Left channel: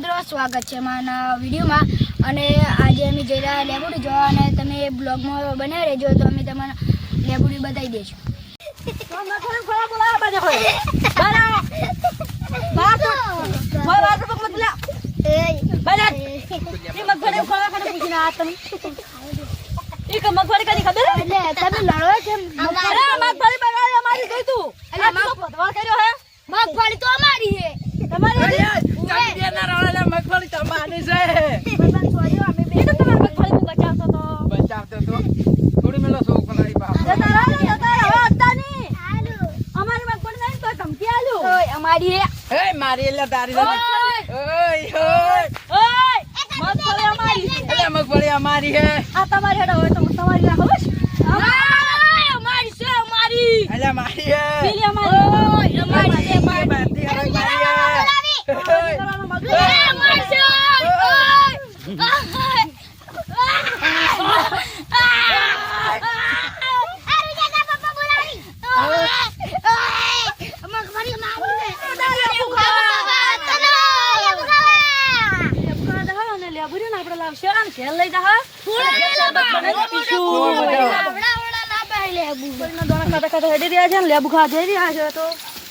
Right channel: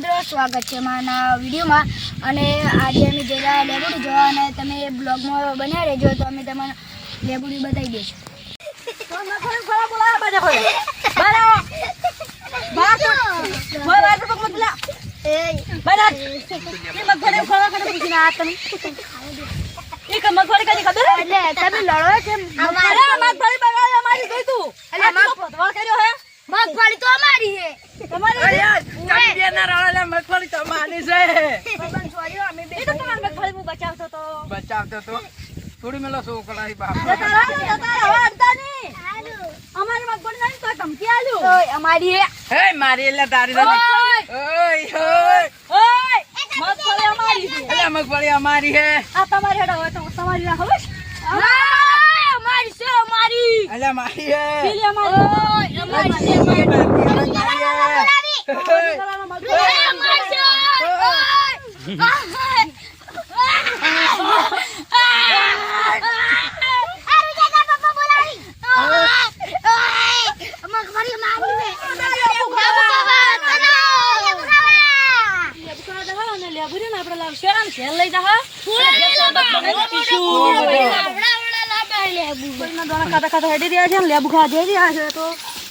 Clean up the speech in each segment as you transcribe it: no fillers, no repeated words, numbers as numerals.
મિત્રો, સ્વાગત છે મારા વિડીયોમાં. અને આજે અમે જઈ રહ્યા લેબુડી જોવા, અને તમે બ્લોગમાં બનાવી રહેજો તો અમે તમને લેબુડી બતાવી દઈશું. મગફળી તો અમારી છે. મગફળી તો માની છે. બચાવતો તો થોડી મેલો શોખ લાવી બાપ. અમારી હે મારી એટલે તારી નથી. ઓય મગફળી અમારી છે. એટલે મગફળી અમારી હે. આ તમારી હેડો હોય તો તમારી રાખો. અમારી છે, અમારી. એટલે મારી હે. પેલી અમારી. અમારી હે.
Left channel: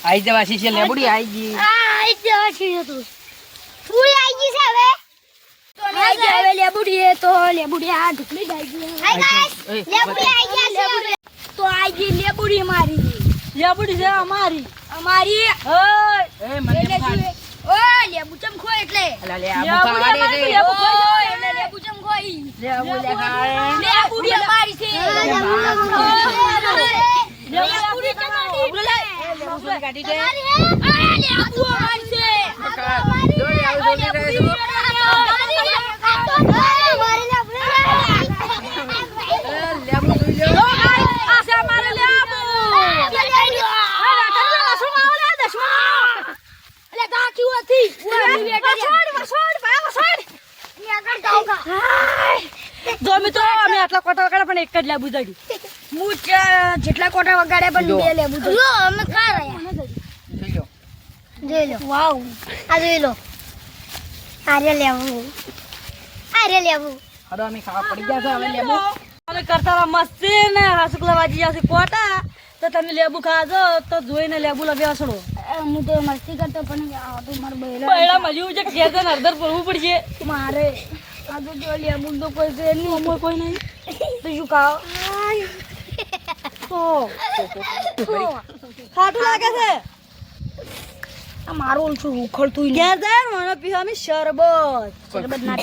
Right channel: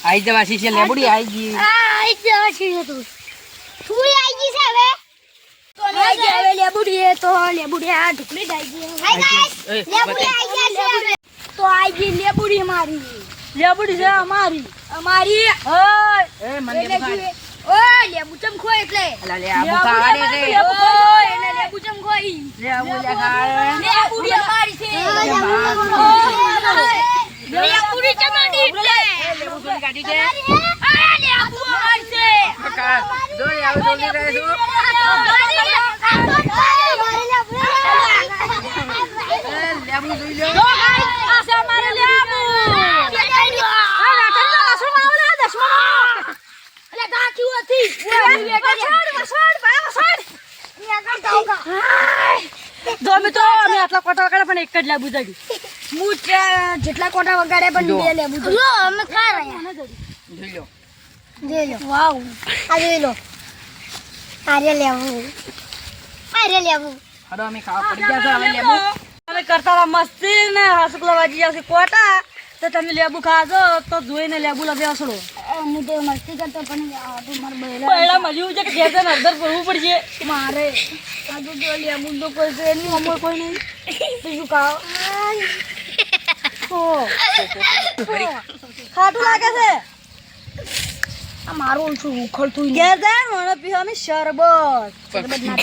આઈ જવા છે લેબુડી આઈ ગઈ. લેબુડી તો લેબુડી આ ઢુકલી તો આઈ ગઈ લેબુડી મારી. લેબુડી છે અમારી. અમારી એ મને ઓય લેબુ ચમખો એટલે લે આબુ ખાડે રે. એટલે લેબુ ચમખોઈ. લે આબુ લે ખાડે. લેબુડી અમારી છે. લેબુડી ચમાડી એટલે લેબુ સોલી કાઢી છે. લેબુ અમારી છે. દોડી આવું બોલી રહે છે. લેબુ જોઈ લો. આ છે અમારે લેબુ. જેટલા કોટા વગાડે પણ બે લેબુ અમે જોઈ લો. વાવ, આ જોઈ લો. આરે લેવું હડો અમે ખાવા પડી ગયા છે હવે લેબુ. અમે કરતા મસ્તી ને હાસુકલા વાજી જશે કોટા તો તમે લેબુ ખાજો તો જોઈને લેબુ લબે હસડો હું તો મસ્તી કરતો પણ આ તો મારે પહેલા મજવું છે કે ઘેર જઈને અડધર પડવું પડશે મારે આ તો જો લેબુ તો કોઈ છે નહીં, અમર કોઈ નહીં. તો શું ખાવ? ખાટું લાગે છે આ મારું ઓછું ઉખડતું ઘેર જાય મને પીવાની શરબત શરબત ના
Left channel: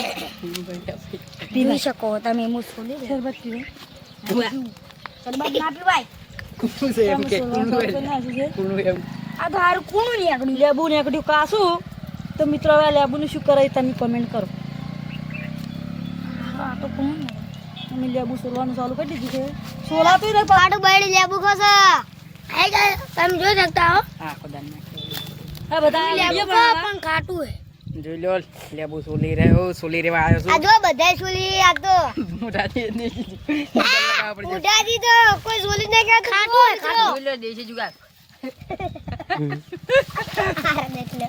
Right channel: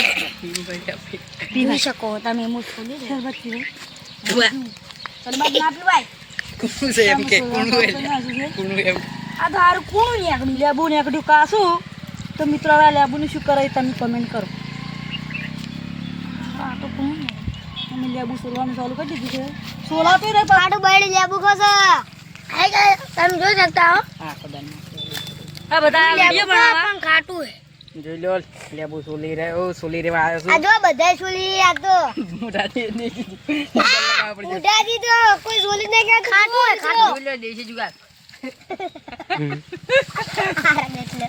પીવી શકો તમે. હું છોડી દે શરબત પીવે શરબત ના પીવાય. કુણું છે એમ કે કુણું એમ. આ તો હારું કોણ નીકળ્યું લેબુ નીકળ્યું કાશું તો મિત્રો હવે લેબુનું શું કરે તમે કમેન્ટ કરો. આ તો કોણ અમે લેબુ સોલવાનું ચાલુ કરી દીધું છે. સોલાતું નહીં પાડું બાયડી લેબુ ખોસો. તમે જોઈ શકતા હો. હા ખોદા આ બધા લેબુ વિડીયો બનાવવા પણ ખાટું હે. જોઈ લો લેબુ સોલી રહ્યો સોલી રેવા આવ્યો આ છું. જો બધા સોલી. આ તો મોઢાથી નહીં ઉડાડી તો કોઈ સોલી ને કે ખાટું હે. જોઈ લો દેશી જુગાર. એટલે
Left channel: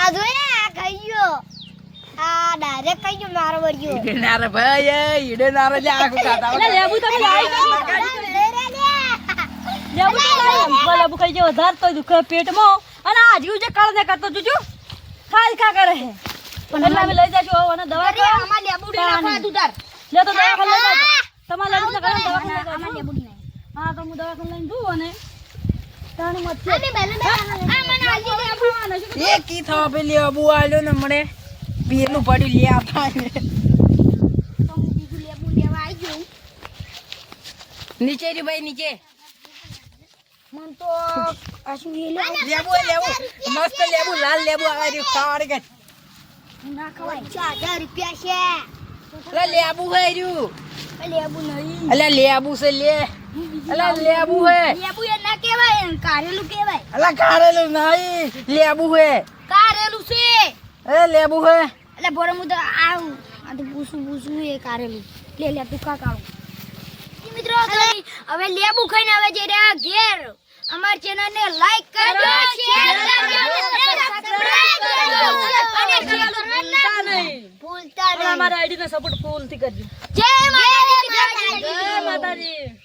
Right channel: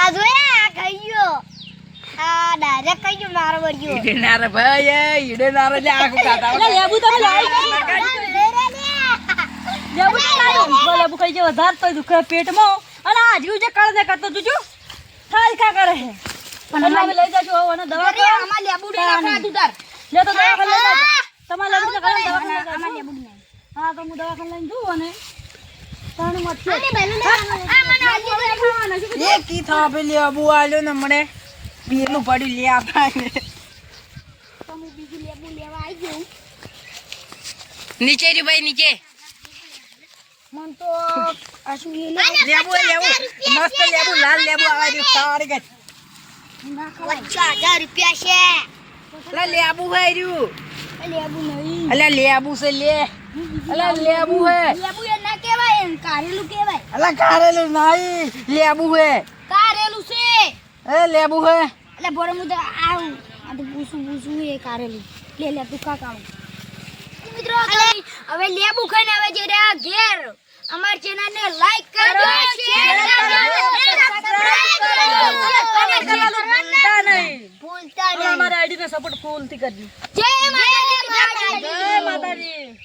આ જોયા ખાઈ ગયો. આ ડાયરેક્ટ ખાઈ ગયો મારો વર્ગ્યો. ઈડે નારે ભાઈ ઈડે નારે લે આખું ખાતા એટલે લેબુ તો ખાઈ લેબુ લેબુ ખાઈ જાય વધારે તો દુખે પેટમાં અને આ જીવ જે કાળ ને કરતો જોજો ખાઈ કા કરે છે એટલે અમે લઈ જાજો અને દવા અરે આમાં લેબુ દે નાખવા તું તાર. લે તો દવાખાને લઈ જાજો તમારે લેબુ તો દવાખાને આમાં લેબુ નહીં. હા તો હું દવાખાને લઈને જઉં અને પાણી મત આને બેલું દે. આમાં આજે લેબુ આને શું? એ કી થા પે લેબુ આલ્યો ને મને પેલું પડી લે આપને. તો હું બીજું લેબુ લેવા આવી ગયો. નીચે રી ભાઈ નીચે. મન તો આ શું એ લેબુ લેબુ મસ્ત લેબુ લાલ લેબુ આવે છે સારી ગત. ના ખવાય. 1000 રૂપિયા છે. અલા લેબુ હે રહ્યું. લેબુ નહીં. અલા લેબુ છે લે. અલા લેબુ હે. લેબુ એ ના કહેવાય, કારેલું કહેવાય. અલા કારેલું નહીં લેબુ હે. કારેલું છે. એ લેબુ હે. એટલે બોરે હું તો આવું આ તો પૂછું એ કારેલું. લે તું કા કાળું. મિત્રો હવે લેબુ ખાઈને હવે જઈ રહ્યા ઘેર. અમાર ચેનલ ને લાઈક કરજો, શેર કરજો અને સબસ્ક્રાઇબ બોલતા અમારા આઈડી ને સપોર્ટ ફૂલ થી કરજો જય માતાજી. જય માતાજી.